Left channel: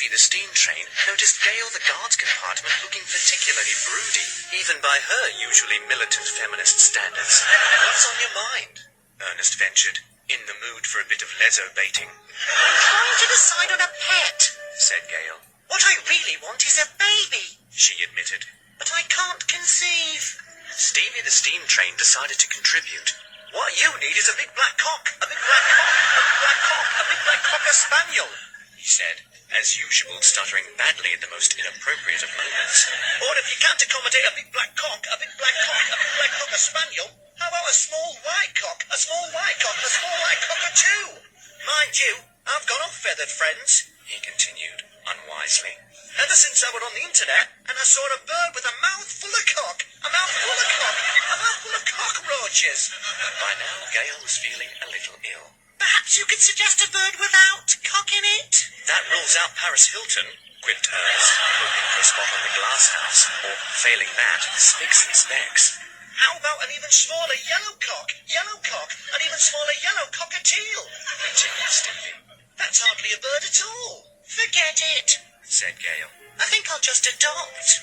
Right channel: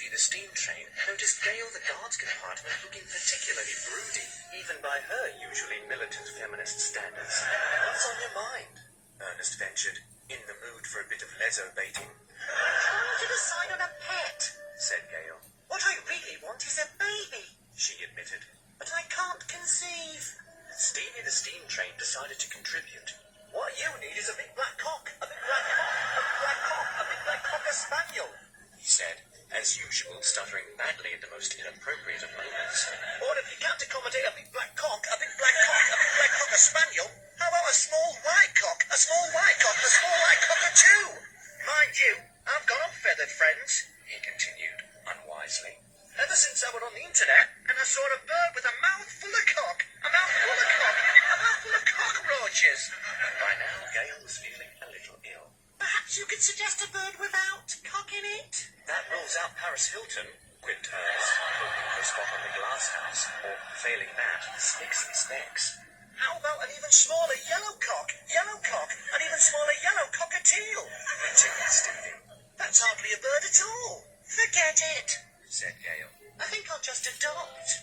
Stevie the steam train noticed Gail the guard's compartment looking particularly broody, even by her usually militant feminist standards. "What's on your mind?" Ernest ventured, in the mood for a bit of lezo-baiting. "I'm trying to decide on a pet," said Gail. "What I really want is a baby, She admitted. but I can't conceive." Stevie the steam train decided to contribute. "What you need is a big black cock, a big black cock, a big black cock, a big black cocker spaniel," he said, as usual stuttering badly at the most inappropriate of moments. "Or if you can't accommodate a big black cock, a big black cock, a big black cocker spaniel, how about a small white cock, a small white cock, a small white cocker too? Mind you, I've got unfeathered friends," he continued, unwisely. "Ever since I was on the internet and I saw a bird with a mouthful of cock, a mouthful of cock, a mouthful of cockroaches." By now, Gail was feeling a little ill. "Perhaps you could suggest a bird without cock in it?" "That rules out Paris Hilton," quipped Ernest, hoping for a spot on the glass house, or, failing that, Spicks and Specks. "How about an even smaller yellow cock, an even smaller yellow cockatiel?" continued Stevie. "That's hardly a bird at all." "Forget it," said Gail. "I think I'll just adopt."